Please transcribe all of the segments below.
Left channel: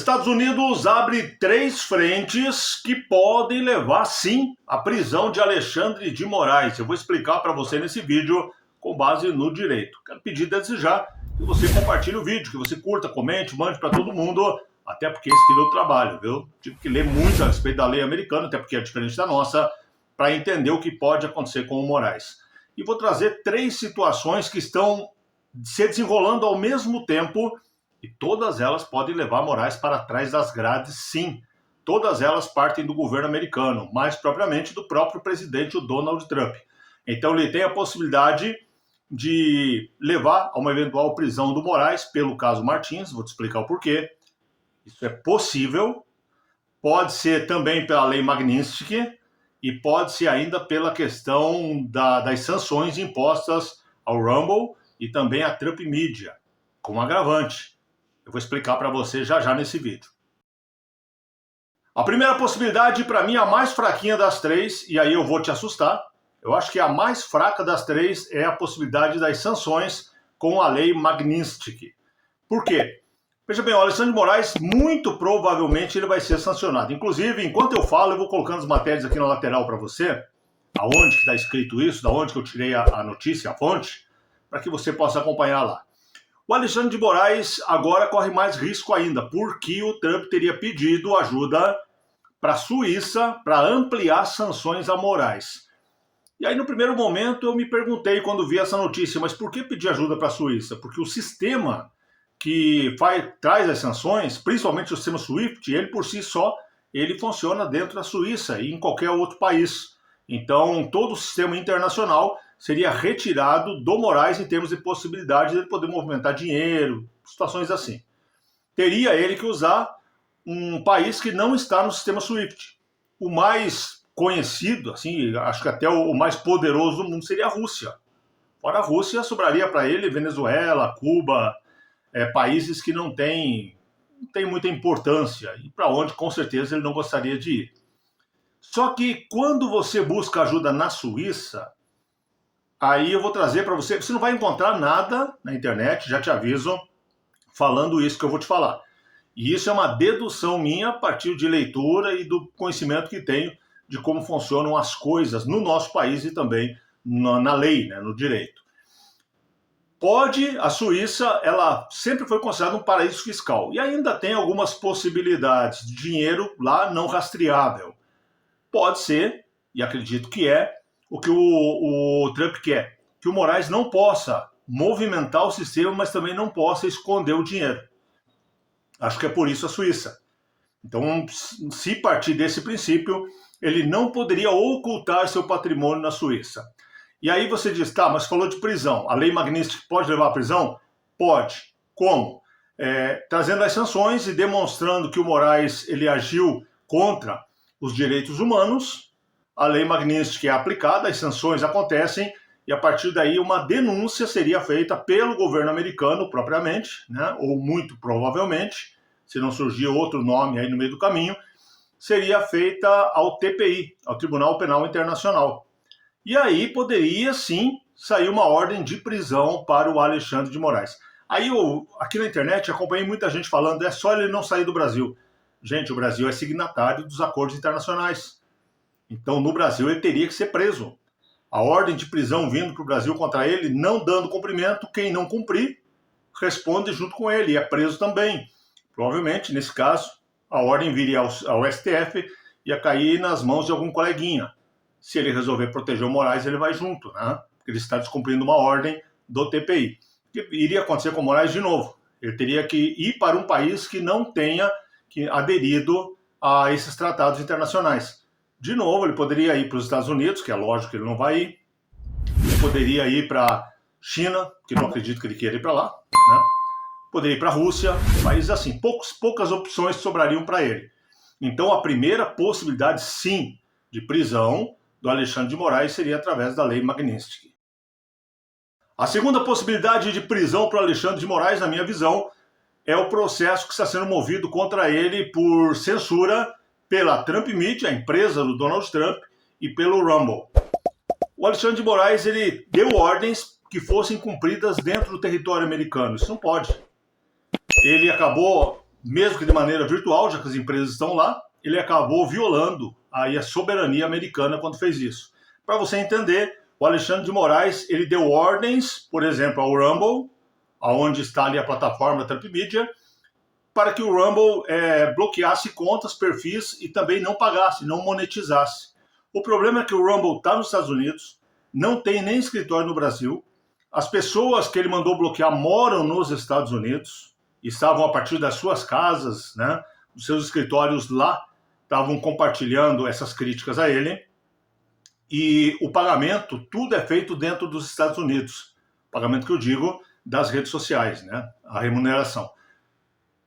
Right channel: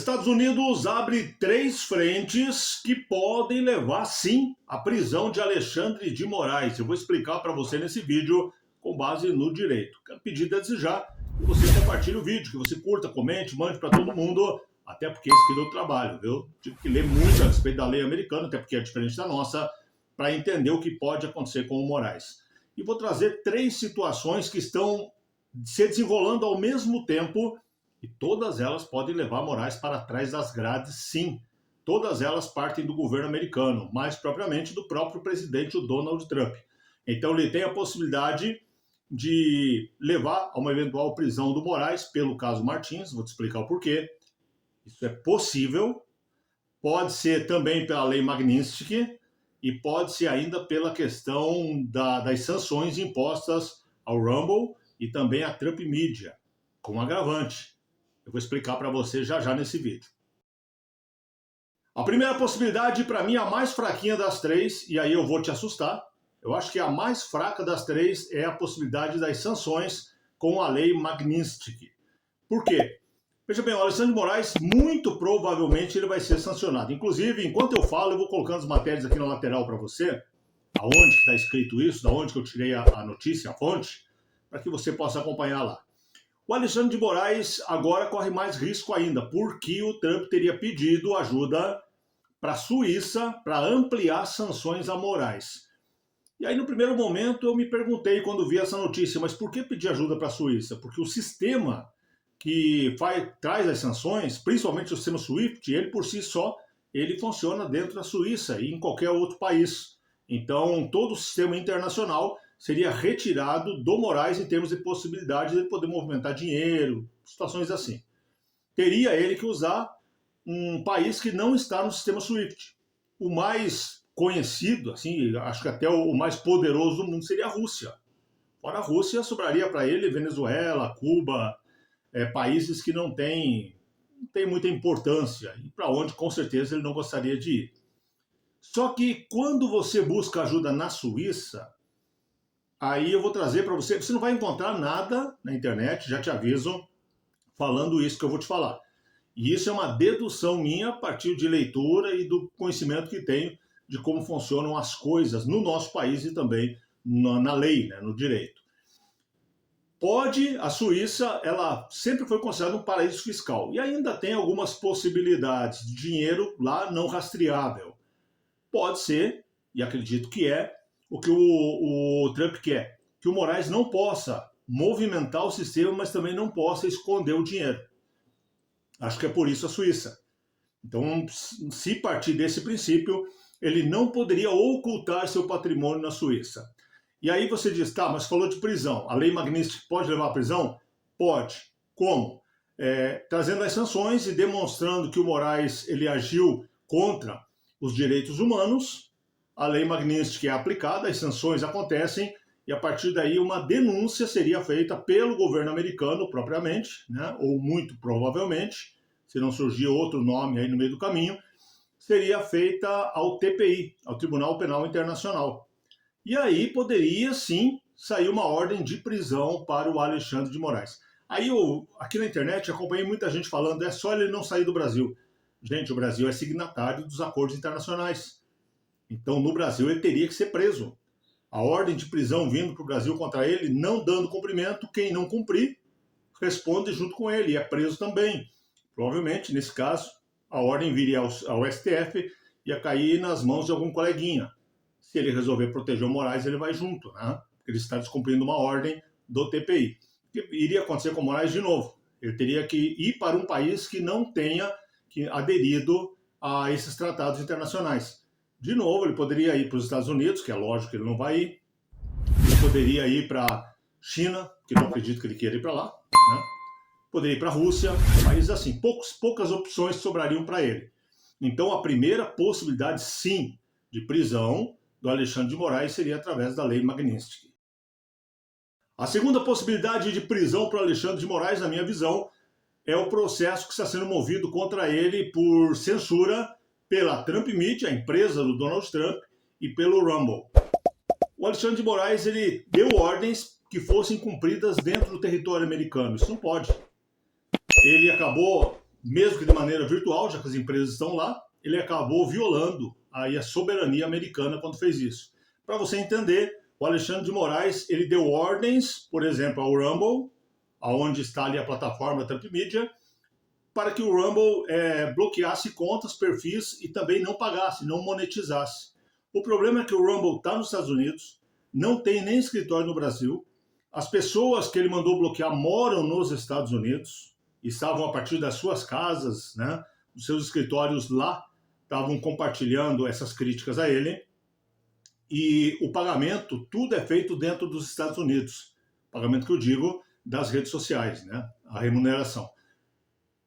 Estados Unidos abre 3 frentes que podem levar, sim, à prisão de Alexandre de Moraes. Eu vou explicar para você nesse vídeo com base no direito. Quero pedir desde já que você compartilhe o vídeo, que você curta, comente, mande para todo mundo, até porque esse aqui é o trabalho, viu? Tive que ler muito a respeito da lei americana, até porque é diferente da nossa, para entender o que pode acontecer com o Moraes. E vou trazer 3 situações que estão se desenrolando ao mesmo tempo. E todas elas podem levar Moraes para trás das grades, sim. Todas elas partem do governo americano, mais propriamente do próprio presidente, o Donald Trump. Então ele tem a possibilidade de levar a uma eventual prisão do Moraes pelo caso Martins, vou te explicar o porquê. Isso é possível, pode ser também pela lei Magnitsky e pode ser ainda pela questão das sanções impostas ao Rumble e também à Trump Media, com agravante. Eu vou explicar para você já nesse vídeo. A primeira possibilidade, para mim, é a mais fraquinha das 3, e aí eu vou te assustar. Eu acho que a mais fraca das 3 é a possibilidade das sanções com a lei Magnitsky. Por quê? Veja bem, o Alexandre de Moraes, muito provavelmente, ele vai ser sancionado. Inclusive, enquanto eu falo, eu vou colocando as matérias aqui na lateral para você, aonde está escrito isso, da onde que eu tirei a notícia, a fonte, para que você possa acompanhar lá. O Alexandre de Moraes agora corre mais risco ainda, porque o Trump teria pedido ajuda para a Suíça para ampliar sanções a Moraes. E aí, no primeiro momento, eu me perguntei quando vi essa notícia, mas por que pedir ajuda para a Suíça? Porque o sistema que traz as sanções, principalmente o sistema SWIFT, ele por si só, ele funciona dentro da Suíça e em qualquer outro país. Então, todo o sistema internacional seria retirado do Moraes em termos de possibilidade de ele poder movimentar dinheiro, situações assim. Teria ele que usar um país que não está no sistema SWIFT. O mais conhecido, assim, acho que até o mais poderoso do mundo seria a Rússia. Fora a Rússia, sobraria para ele Venezuela, Cuba, países que não têm muita importância e para onde, com certeza, ele não gostaria de ir. Só que quando você busca ajuda na Suíça, aí eu vou trazer para você, você não vai encontrar nada na internet, já te aviso, falando isso que eu vou te falar. E isso é uma dedução minha a partir de leitura e do conhecimento que tenho de como funcionam as coisas no nosso país e também na lei, né, no direito. A Suíça, ela sempre foi considerada um paraíso fiscal e ainda tem algumas possibilidades de dinheiro lá não rastreável. Pode ser, e acredito que é, o que o Trump quer, que o Moraes não possa movimentar o sistema, mas também não possa esconder o dinheiro. Acho que é por isso a Suíça. Então, se partir desse princípio, ele não poderia ocultar seu patrimônio na Suíça. E aí você diz, tá, mas falou de prisão. A lei Magnitsky pode levar à prisão? Pode. Como? Trazendo as sanções e demonstrando que o Moraes ele agiu contra os direitos humanos. A lei Magnitsky é aplicada, as sanções acontecem, e a partir daí uma denúncia seria feita pelo governo americano propriamente, né, ou muito provavelmente, se não surgir outro nome aí no meio do caminho, seria feita ao TPI, ao Tribunal Penal Internacional. E aí poderia sim sair uma ordem de prisão para o Alexandre de Moraes. Aí eu, aqui na internet, acompanhei muita gente falando, é só ele não sair do Brasil. Gente, o Brasil é signatário dos acordos internacionais. Então, no Brasil, ele teria que ser preso. A ordem de prisão vindo para o Brasil contra ele, não dando cumprimento, quem não cumprir, responde junto com ele, e é preso também. Provavelmente, nesse caso, a ordem viria ao STF e ia cair nas mãos de algum coleguinha. Se ele resolver proteger o Moraes, ele vai junto, né? Porque ele está descumprindo uma ordem do TPI. O que iria acontecer com o Moraes de novo? Ele teria que ir para um país que não tenha aderido a esses tratados internacionais. De novo, ele poderia ir para os Estados Unidos, que é lógico que ele não vai ir. Ele poderia ir para a China, que não acredito que ele queira ir para lá. Né? Poderia ir para a Rússia, países assim. Poucas opções sobrariam para ele. Então, a primeira possibilidade, sim, de prisão do Alexandre de Moraes seria através da lei Magnitsky. A segunda possibilidade de prisão para o Alexandre de Moraes, na minha visão, é o processo que está sendo movido contra ele por censura pela Trump Media, a empresa do Donald Trump, e pelo Rumble. O Alexandre de Moraes ele deu ordens que fossem cumpridas dentro do território americano. Isso não pode. Ele acabou mesmo que de maneira virtual, já que as empresas estão lá, ele acabou violando aí a soberania americana quando fez isso. Para você entender, o Alexandre de Moraes, ele deu ordens, por exemplo, ao Rumble, aonde está ali a plataforma Trump Media, para que o Rumble bloqueasse contas, perfis e também não pagasse, não monetizasse. O problema é que o Rumble está nos Estados Unidos, não tem nem escritório no Brasil, as pessoas que ele mandou bloquear moram nos Estados Unidos, estavam a partir das suas casas, né, dos seus escritórios lá, estavam compartilhando essas críticas a ele, e o pagamento, tudo é feito dentro dos Estados Unidos. O pagamento que eu digo das redes sociais, né, a remuneração.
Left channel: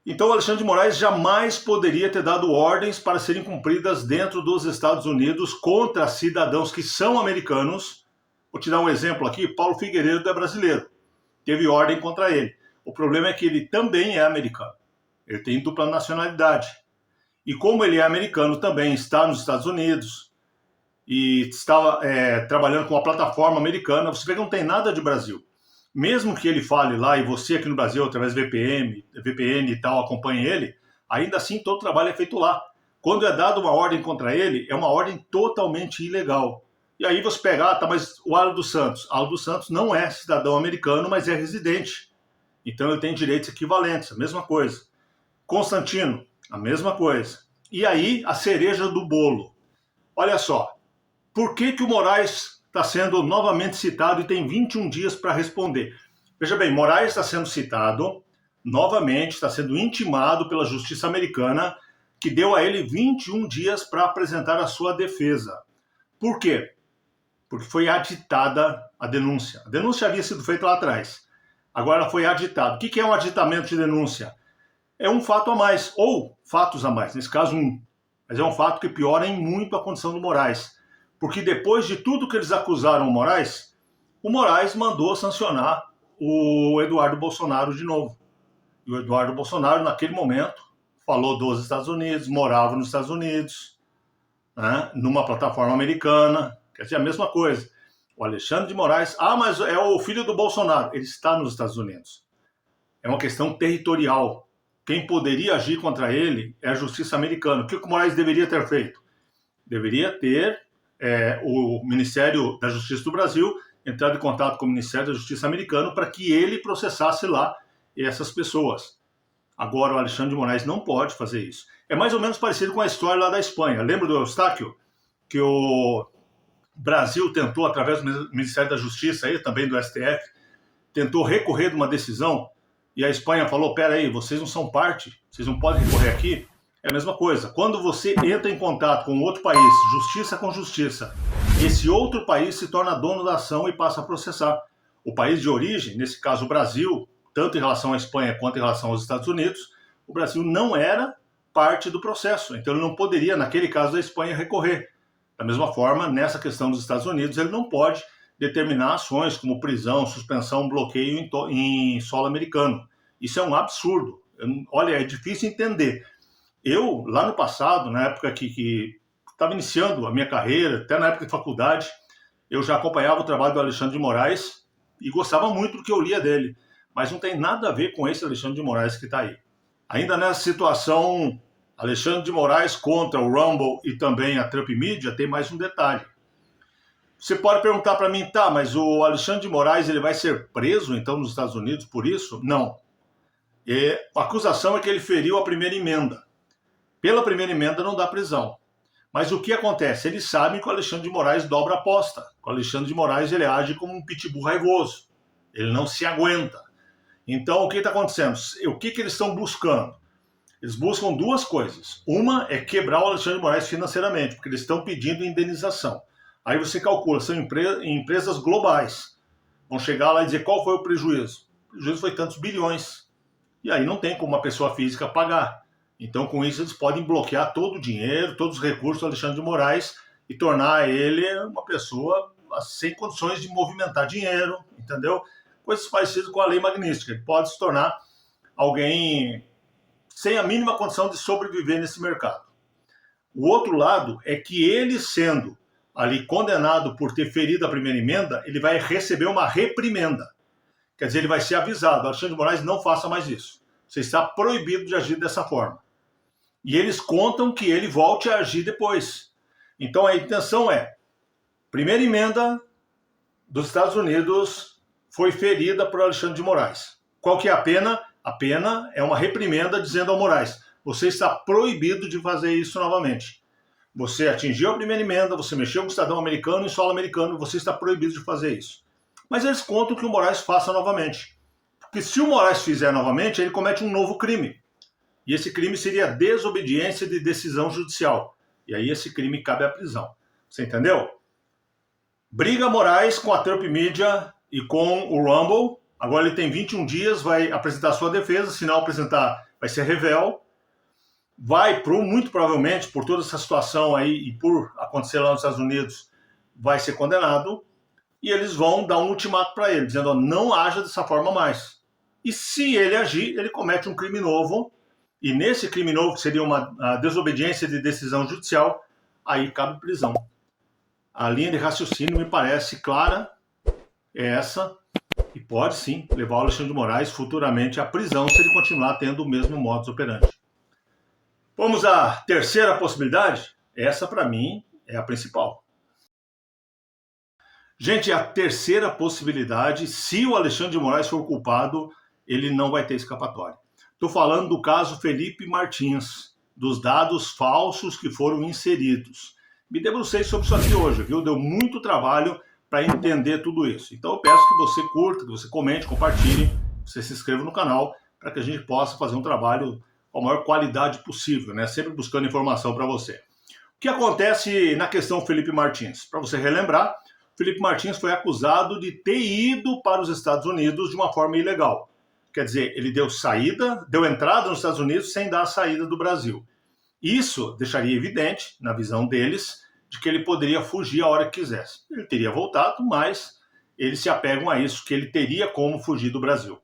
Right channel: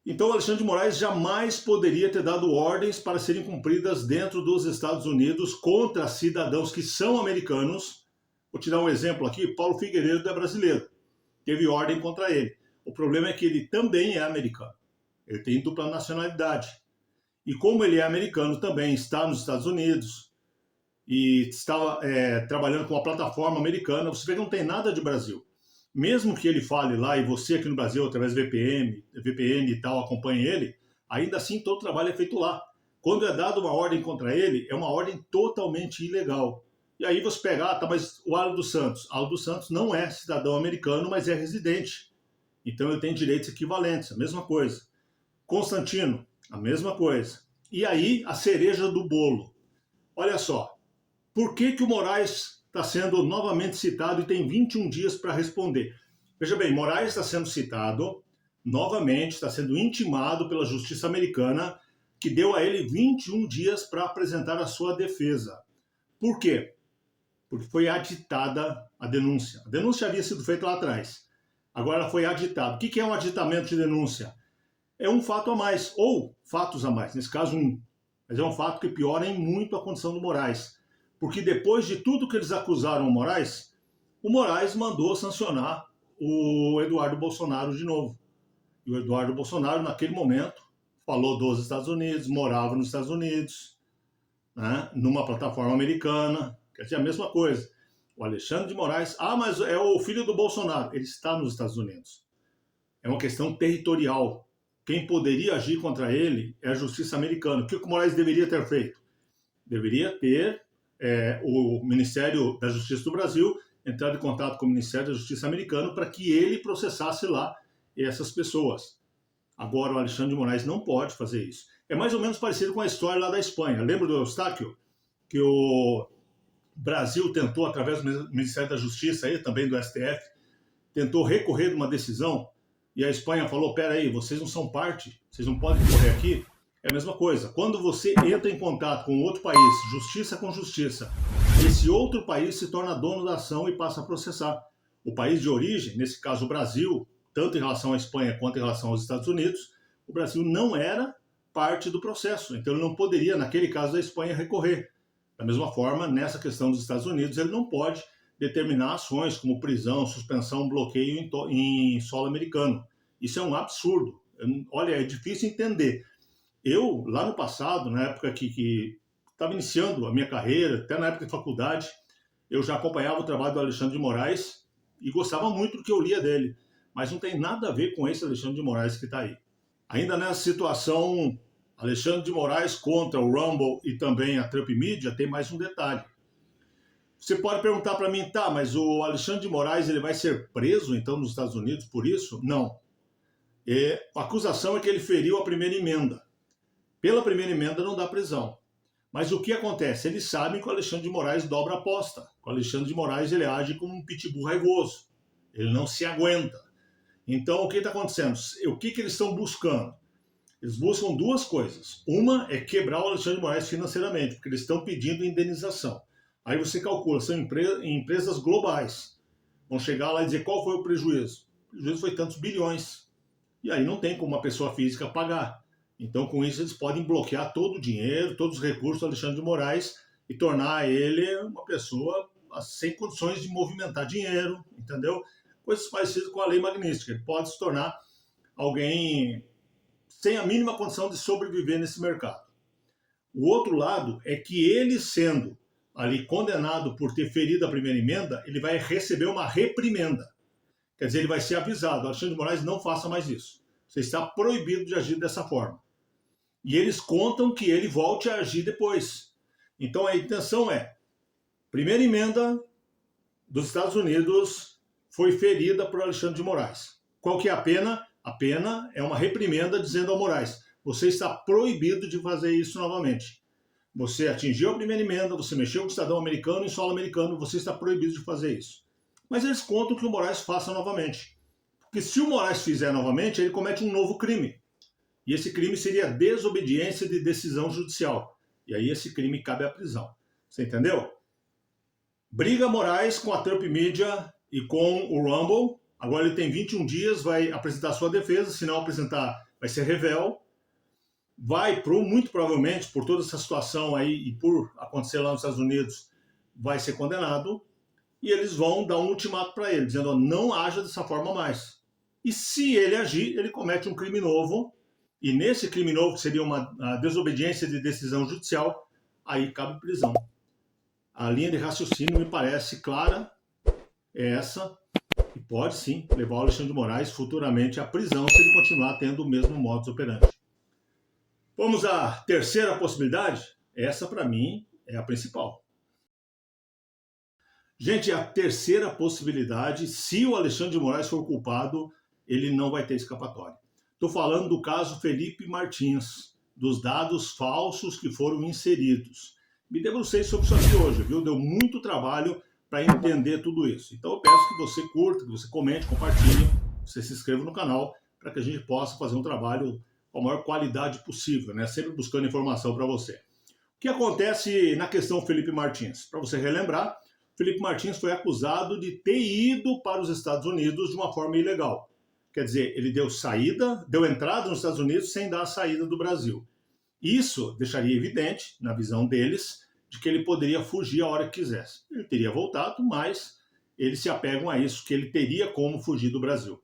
Então, o Alexandre de Moraes jamais poderia ter dado ordens para serem cumpridas dentro dos Estados Unidos contra cidadãos que são americanos. Vou te dar um exemplo aqui, Paulo Figueiredo é brasileiro, teve ordem contra ele. O problema é que ele também é americano, ele tem dupla nacionalidade. E como ele é americano também, está nos Estados Unidos e está trabalhando com uma plataforma americana, você vê que não tem nada de Brasil. Mesmo que ele fale lá e você aqui no Brasil, através do VPN e tal, acompanhe ele, ainda assim todo o trabalho é feito lá. Quando é dada uma ordem contra ele, é uma ordem totalmente ilegal. E aí você pega, tá, mas o Aldo Santos. Aldo Santos não é cidadão americano, mas é residente. Então ele tem direitos equivalentes, a mesma coisa. Constantino, a mesma coisa. E aí a cereja do bolo. Olha só, por que o Moraes está sendo novamente citado e tem 21 dias para responder? Veja bem, Moraes está sendo citado novamente, está sendo intimado pela justiça americana, que deu a ele 21 dias para apresentar a sua defesa. Por quê? Porque foi aditada a denúncia. A denúncia havia sido feita lá atrás. Agora ela foi aditada. O que é um aditamento de denúncia? É um fato a mais, ou fatos a mais, nesse caso um. Mas é um fato que piora em muito a condição do Moraes. Porque depois de tudo que eles acusaram o Moraes mandou sancionar o Eduardo Bolsonaro de novo. E o Eduardo Bolsonaro, naquele momento, falou dos Estados Unidos, morava nos Estados Unidos, né, numa plataforma americana, quer dizer, a mesma coisa. O Alexandre de Moraes, mas é o filho do Bolsonaro, ele está nos Estados Unidos. É uma questão territorial. Quem poderia agir contra ele é a justiça americana. O que o Moraes deveria ter feito? Deveria ter o Ministério da Justiça do Brasil entrado em contato com o Ministério da Justiça americano para que ele processasse lá essas pessoas. Agora o Alexandre de Moraes não pode fazer isso. É mais ou menos parecido com a história lá da Espanha. Lembra do Eustáquio? Que o Brasil tentou, através do Ministério da Justiça e também do STF, tentou recorrer de uma decisão e a Espanha falou, peraí, vocês não são parte, vocês não podem recorrer aqui. É a mesma coisa. Quando você entra em contato com outro país, justiça com justiça, esse outro país se torna dono da ação e passa a processar. O país de origem, nesse caso o Brasil, tanto em relação à Espanha quanto em relação aos Estados Unidos, o Brasil não era parte do processo. Então ele não poderia, naquele caso da Espanha, recorrer. Da mesma forma, nessa questão dos Estados Unidos, ele não pode determinar ações como prisão, suspensão, bloqueio em solo americano. Isso é um absurdo. Olha, é difícil entender. Eu, lá no passado, na época que estava iniciando a minha carreira, até na época de faculdade, eu já acompanhava o trabalho do Alexandre de Moraes e gostava muito do que eu lia dele. Mas não tem nada a ver com esse Alexandre de Moraes que está aí. Ainda nessa situação, Alexandre de Moraes contra o Rumble e também a Trump Media, tem mais um detalhe. Você pode perguntar para mim, tá, mas o Alexandre de Moraes ele vai ser preso, então, nos Estados Unidos por isso? Não. A acusação é que ele feriu a primeira emenda. Pela primeira emenda não dá prisão. Mas o que acontece? Eles sabem que o Alexandre de Moraes dobra a aposta. O Alexandre de Moraes ele age como um pitbull raivoso. Ele não se aguenta. Então o que está acontecendo? O que eles estão buscando? Eles buscam duas coisas. Uma é quebrar o Alexandre de Moraes financeiramente, porque eles estão pedindo indenização. Aí você calcula, são empresas globais. Vão chegar lá e dizer qual foi o prejuízo. O prejuízo foi tantos bilhões. E aí não tem como uma pessoa física pagar. Então, com isso, eles podem bloquear todo o dinheiro, todos os recursos do Alexandre de Moraes e tornar ele uma pessoa sem condições de movimentar dinheiro, entendeu? Coisas parecidas com a lei Magnitsky. Ele pode se tornar alguém sem a mínima condição de sobreviver nesse mercado. O outro lado é que ele, sendo ali condenado por ter ferido a primeira emenda, ele vai receber uma reprimenda. Quer dizer, ele vai ser avisado. Alexandre de Moraes, não faça mais isso. Você está proibido de agir dessa forma. E eles contam que ele volte a agir depois. Então a intenção é, primeira emenda dos Estados Unidos foi ferida por Alexandre de Moraes. Qual que é a pena? A pena é uma reprimenda dizendo ao Moraes, você está proibido de fazer isso novamente. Você atingiu a primeira emenda, você mexeu com o cidadão americano em solo americano, você está proibido de fazer isso. Mas eles contam que o Moraes faça novamente. Porque se o Moraes fizer novamente, ele comete um novo crime. E esse crime seria desobediência de decisão judicial. E aí esse crime cabe à prisão. Você entendeu? Briga Moraes com a Trump Media e com o Rumble. Agora ele tem 21 dias, vai apresentar sua defesa. Se não apresentar, vai ser revel. Vai, muito provavelmente, por toda essa situação aí e por acontecer lá nos Estados Unidos, vai ser condenado. E eles vão dar um ultimato para ele, dizendo, ó, não haja dessa forma mais. E se ele agir, ele comete um crime novo. E nesse crime novo, que seria uma desobediência de decisão judicial, aí cabe prisão. A linha de raciocínio me parece clara, é essa, e pode sim levar o Alexandre de Moraes futuramente à prisão se ele continuar tendo o mesmo modus operandi. Vamos à terceira possibilidade? Essa, para mim, é a principal. Gente, a terceira possibilidade, se o Alexandre de Moraes for culpado, ele não vai ter escapatória. Estou falando do caso Felipe Martins, dos dados falsos que foram inseridos. Me debrucei sobre isso aqui hoje, viu? Deu muito trabalho para entender tudo isso. Então eu peço que você curta, que você comente, compartilhe, você se inscreva no canal, para que a gente possa fazer um trabalho com a maior qualidade possível, né? Sempre buscando informação para você. O que acontece na questão Felipe Martins? Para você relembrar, Felipe Martins foi acusado de ter ido para os Estados Unidos de uma forma ilegal. Quer dizer, ele deu entrada nos Estados Unidos sem dar a saída do Brasil. Isso deixaria evidente, na visão deles, de que ele poderia fugir a hora que quisesse. Ele teria voltado, mas eles se apegam a isso, que ele teria como fugir do Brasil.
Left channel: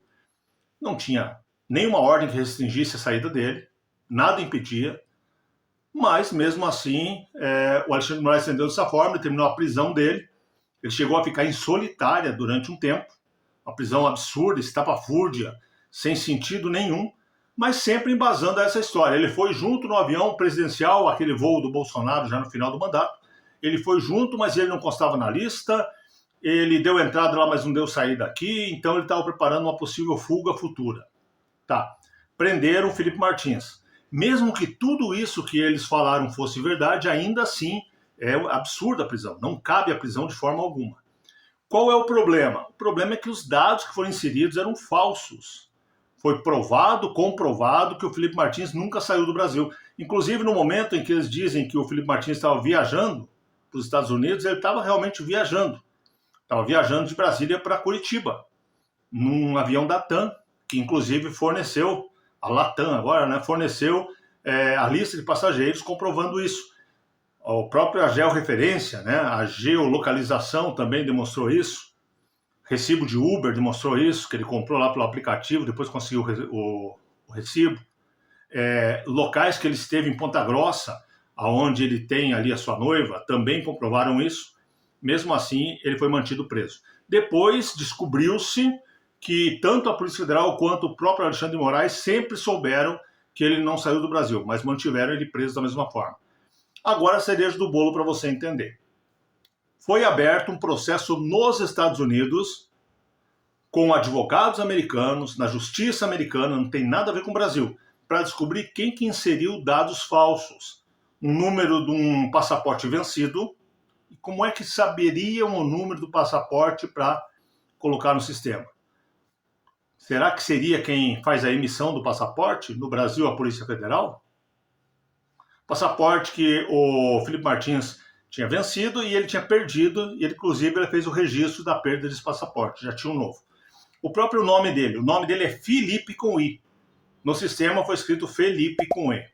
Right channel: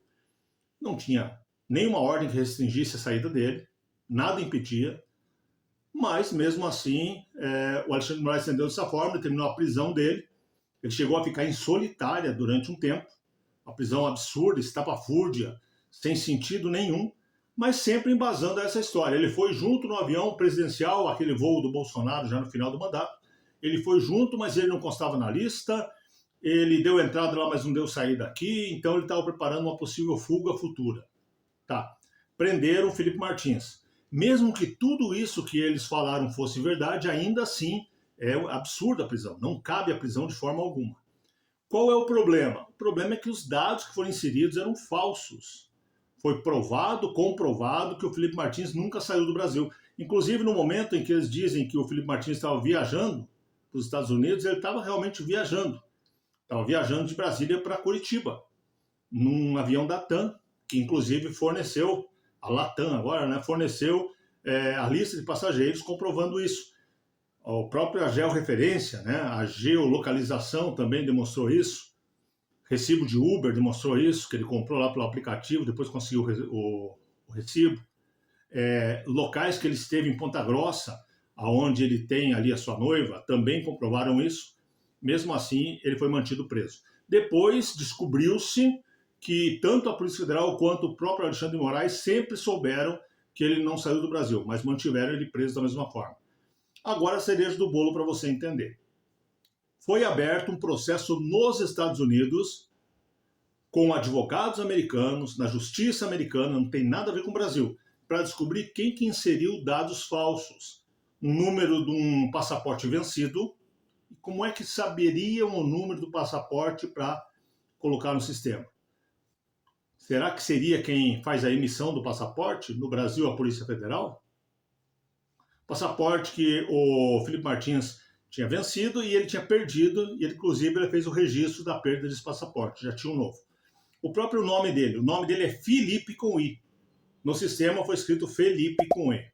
Não tinha nenhuma ordem que restringisse a saída dele, nada impedia, mas mesmo assim, o Alexandre de Moraes entendeu dessa forma, ele terminou a prisão dele, ele chegou a ficar em solitária durante um tempo, uma prisão absurda, estapafúrdia, sem sentido nenhum, mas sempre embasando essa história. Ele foi junto no avião presidencial, aquele voo do Bolsonaro já no final do mandato, ele foi junto, mas ele não constava na lista, ele deu entrada lá, mas não deu saída aqui, então ele estava preparando uma possível fuga futura. Tá, prenderam o Felipe Martins. Mesmo que tudo isso que eles falaram fosse verdade, ainda assim é absurda a prisão, não cabe a prisão de forma alguma. Qual é o problema? O problema é que os dados que foram inseridos eram falsos. Foi comprovado que o Felipe Martins nunca saiu do Brasil. Inclusive, no momento em que eles dizem que o Felipe Martins estava viajando para os Estados Unidos, ele estava realmente viajando. Estava viajando de Brasília para Curitiba, num avião da TAM, que inclusive forneceu, a Latam agora, né, forneceu a lista de passageiros comprovando isso. O próprio georreferência, né, a geolocalização também demonstrou isso. Recibo de Uber demonstrou isso, que ele comprou lá pelo aplicativo, depois conseguiu o recibo. Locais que ele esteve em Ponta Grossa, onde ele tem ali a sua noiva, também comprovaram isso. Mesmo assim, ele foi mantido preso. Depois descobriu-se que tanto a Polícia Federal quanto o próprio Alexandre de Moraes sempre souberam que ele não saiu do Brasil, mas mantiveram ele preso da mesma forma. Agora a cereja do bolo para você entender. Foi aberto um processo nos Estados Unidos com advogados americanos, na justiça americana, não tem nada a ver com o Brasil, para descobrir quem que inseriu dados falsos. Um número de um passaporte vencido, e como é que saberiam o número do passaporte para colocar no sistema? Será que seria quem faz a emissão do passaporte? No Brasil, a Polícia Federal? Passaporte que o Felipe Martins tinha vencido e ele tinha perdido, e ele, inclusive, ele fez o registro da perda desse passaporte, já tinha um novo. O próprio nome dele é Felipe com I. No sistema foi escrito Felipe com E.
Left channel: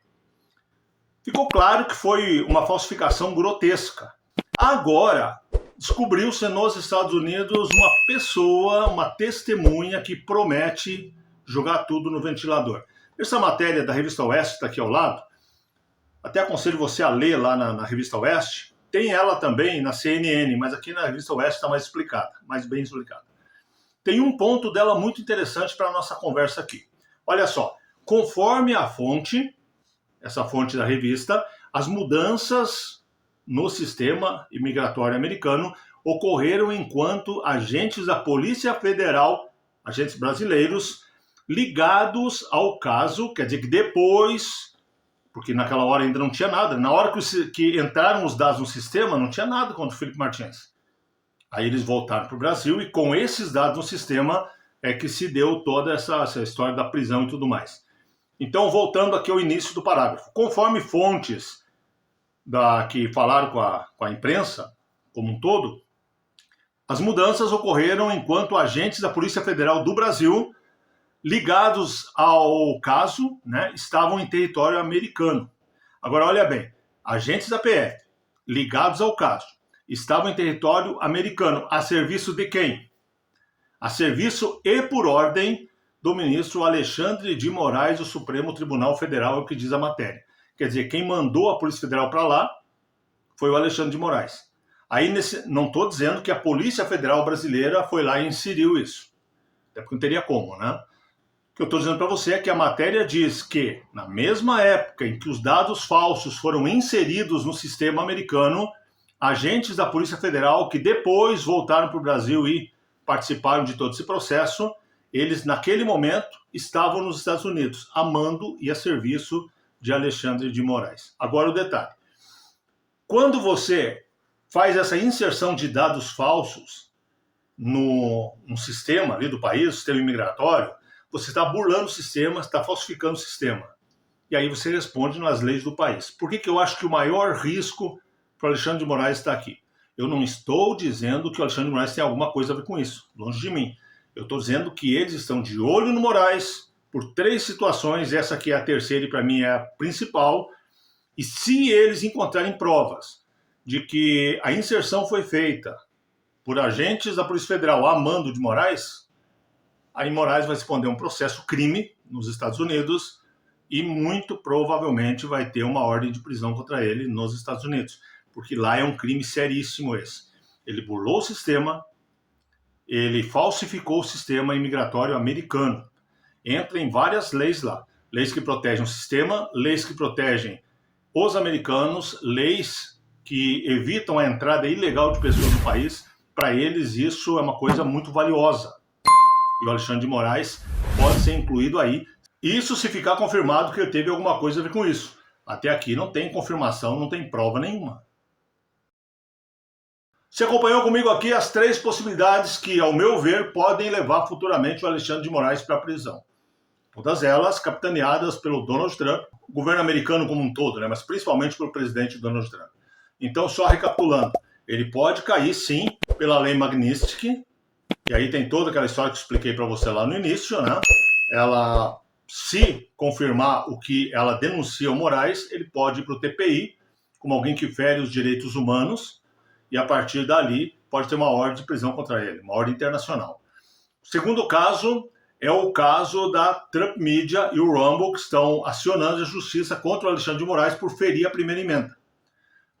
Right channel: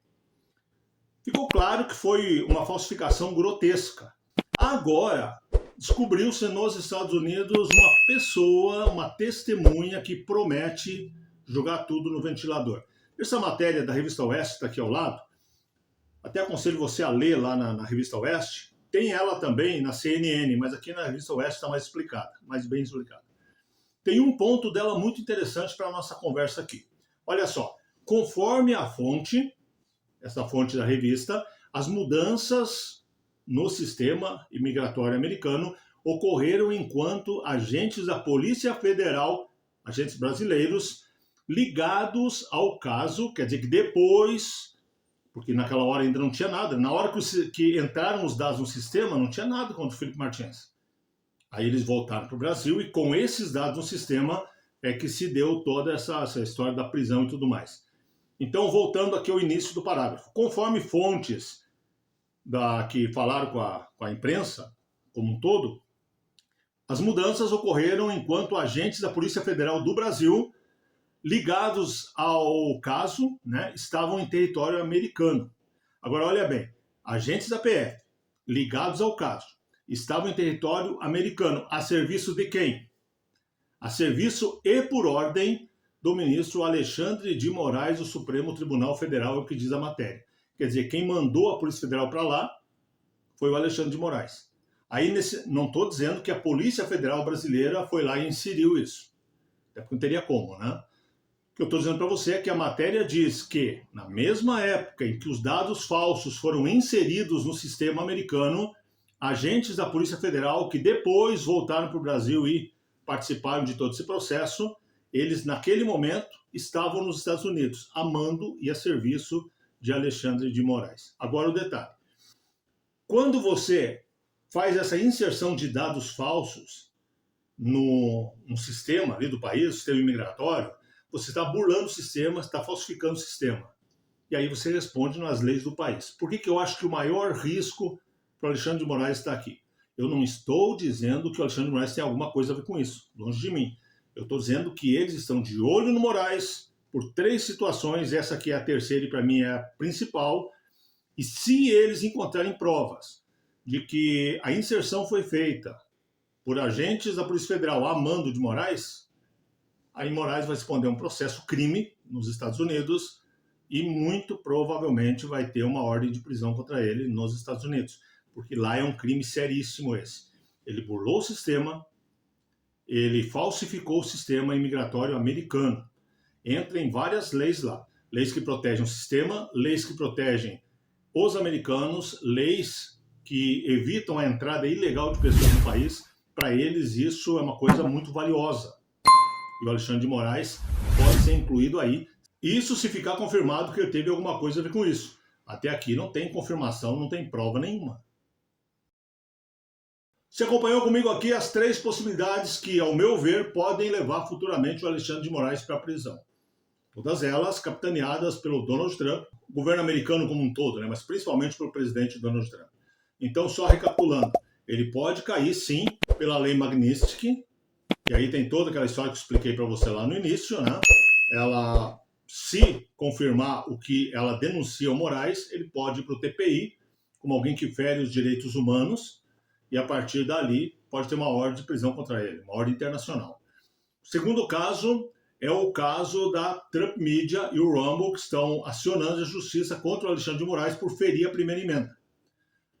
Ficou claro que foi uma falsificação grotesca. Agora, descobriu-se nos Estados Unidos uma pessoa, uma testemunha que promete jogar tudo no ventilador. Essa matéria da Revista Oeste está aqui ao lado. Até aconselho você a ler lá na Revista Oeste. Tem ela também na CNN, mas aqui na Revista Oeste está mais explicada, mais bem explicada. Tem um ponto dela muito interessante para a nossa conversa aqui. Olha só, conforme a fonte, essa fonte da revista, as mudanças no sistema imigratório americano ocorreram enquanto agentes da Polícia Federal, agentes brasileiros, ligados ao caso, quer dizer que depois, porque naquela hora ainda não tinha nada, na hora que entraram os dados no sistema, não tinha nada contra o Felipe Martins. Aí eles voltaram para o Brasil e com esses dados no sistema é que se deu toda essa história da prisão e tudo mais. Então, voltando aqui ao início do parágrafo. Conforme fontes que falaram com a imprensa como um todo, as mudanças ocorreram enquanto agentes da Polícia Federal do Brasil, ligados ao caso, né, estavam em território americano. Agora, olha bem, agentes da PF, ligados ao caso, estavam em território americano, a serviço de quem? A serviço e por ordem do ministro Alexandre de Moraes, do Supremo Tribunal Federal, é o que diz a matéria. Quer dizer, quem mandou a Polícia Federal para lá foi o Alexandre de Moraes. Aí, não estou dizendo que a Polícia Federal brasileira foi lá e inseriu isso. Até porque não teria como, né? O que eu estou dizendo para você é que a matéria diz que, na mesma época em que os dados falsos foram inseridos no sistema americano, agentes da Polícia Federal que depois voltaram para o Brasil e participaram de todo esse processo, eles, naquele momento, estavam nos Estados Unidos, a mando e a serviço de Alexandre de Moraes. Agora o detalhe. Quando você faz essa inserção de dados falsos no sistema ali do país, sistema imigratório, você está burlando o sistema, está falsificando o sistema. E aí você responde nas leis do país. Por que eu acho que o maior risco para o Alexandre de Moraes está aqui? Eu não estou dizendo que o Alexandre de Moraes tem alguma coisa a ver com isso, longe de mim. Eu estou dizendo que eles estão de olho no Moraes por 3 situações, essa aqui é a terceira e para mim é a principal, e se eles encontrarem provas de que a inserção foi feita por agentes da Polícia Federal a mando de Moraes, aí Moraes vai responder um processo crime nos Estados Unidos e muito provavelmente vai ter uma ordem de prisão contra ele nos Estados Unidos, porque lá é um crime seríssimo esse. Ele burlou o sistema, ele falsificou o sistema imigratório americano. Entra em várias leis lá. Leis que protegem o sistema, leis que protegem os americanos, leis que evitam a entrada ilegal de pessoas no país. Para eles isso é uma coisa muito valiosa. E o Alexandre de Moraes pode ser incluído aí. Isso se ficar confirmado que ele teve alguma coisa a ver com isso. Até aqui não tem confirmação, não tem prova nenhuma. Você acompanhou comigo aqui as 3 possibilidades que, ao meu ver, podem levar futuramente o Alexandre de Moraes para a prisão. Todas elas capitaneadas pelo Donald Trump, o governo americano como um todo, né? Mas principalmente pelo presidente Donald Trump. Então, só recapitulando, ele pode cair, sim, pela lei Magnitsky, e aí tem toda aquela história que eu expliquei para você lá no início, né? Ela, se confirmar o que ela denuncia ao Moraes, ele pode ir para o TPI, como alguém que fere os direitos humanos, e a partir dali pode ter uma ordem de prisão contra ele, uma ordem internacional. O segundo caso é o caso da Trump Media e o Rumble, que estão acionando a justiça contra o Alexandre de Moraes por ferir a primeira emenda.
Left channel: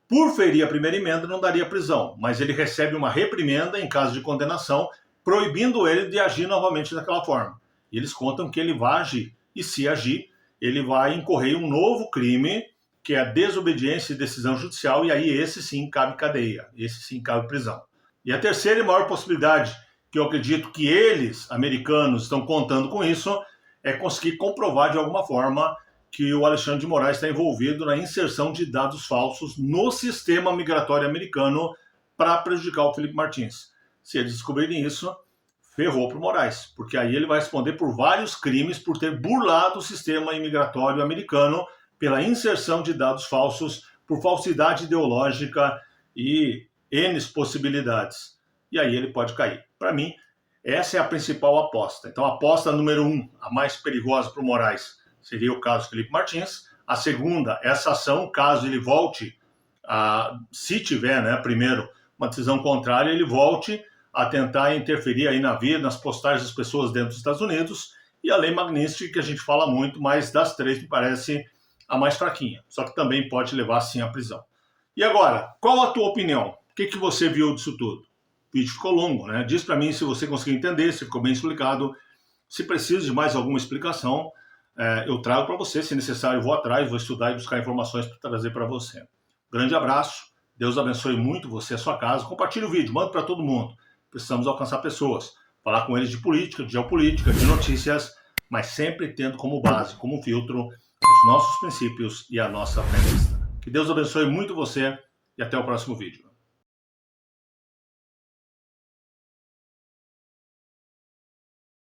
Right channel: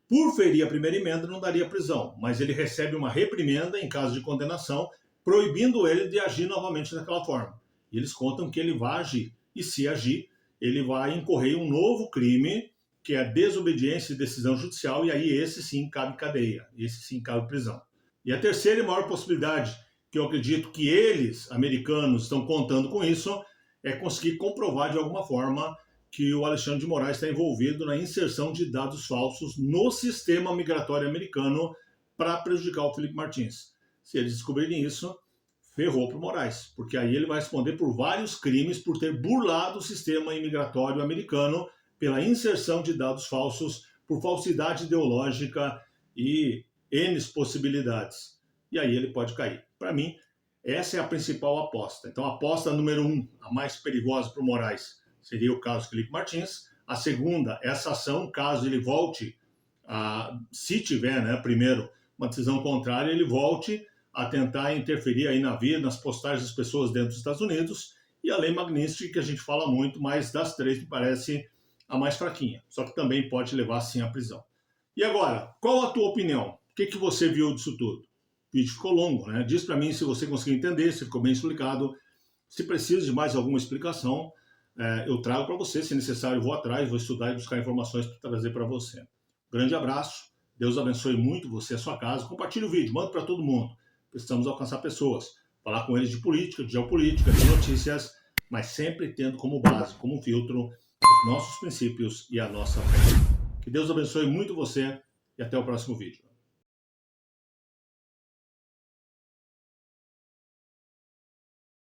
Por ferir a primeira emenda não daria prisão, mas ele recebe uma reprimenda em caso de condenação, proibindo ele de agir novamente daquela forma. E eles contam que ele vai agir, e se agir, ele vai incorrer em um novo crime, que é a desobediência e decisão judicial, e aí esse sim cabe cadeia, esse sim cabe prisão. E a terceira e maior possibilidade, que eu acredito que eles, americanos, estão contando com isso, é conseguir comprovar de alguma forma que o Alexandre de Moraes está envolvido na inserção de dados falsos no sistema migratório americano para prejudicar o Felipe Martins. Se eles descobrirem isso, ferrou para o Moraes, porque aí ele vai responder por vários crimes por ter burlado o sistema imigratório americano pela inserção de dados falsos, por falsidade ideológica e N possibilidades. E aí ele pode cair. Para mim, essa é a principal aposta. Então, a aposta número 1, a mais perigosa para o Moraes, seria o caso Felipe Martins. A segunda, essa ação, caso ele volte, se tiver, né, primeiro, uma decisão contrária, ele volte a tentar interferir aí na vida, nas postagens das pessoas dentro dos Estados Unidos. E a lei Magnitsky, que a gente fala muito, mas das 3 me parece a mais fraquinha. Só que também pode levar, sim, à prisão. E agora, qual a tua opinião? O que você viu disso tudo? O vídeo ficou longo, né? Diz para mim se você conseguiu entender, se ficou bem explicado. Se precisa de mais alguma explicação, eu trago para você. Se necessário, eu vou atrás, vou estudar e buscar informações para trazer para você. Grande abraço, Deus abençoe muito você e a sua casa. Compartilhe o vídeo, manda para todo mundo. Precisamos alcançar pessoas, falar com eles de política, de geopolítica, de notícias, mas sempre tendo como base, como filtro, os nossos princípios e a nossa fé cristã. Que Deus abençoe muito você e até o próximo vídeo.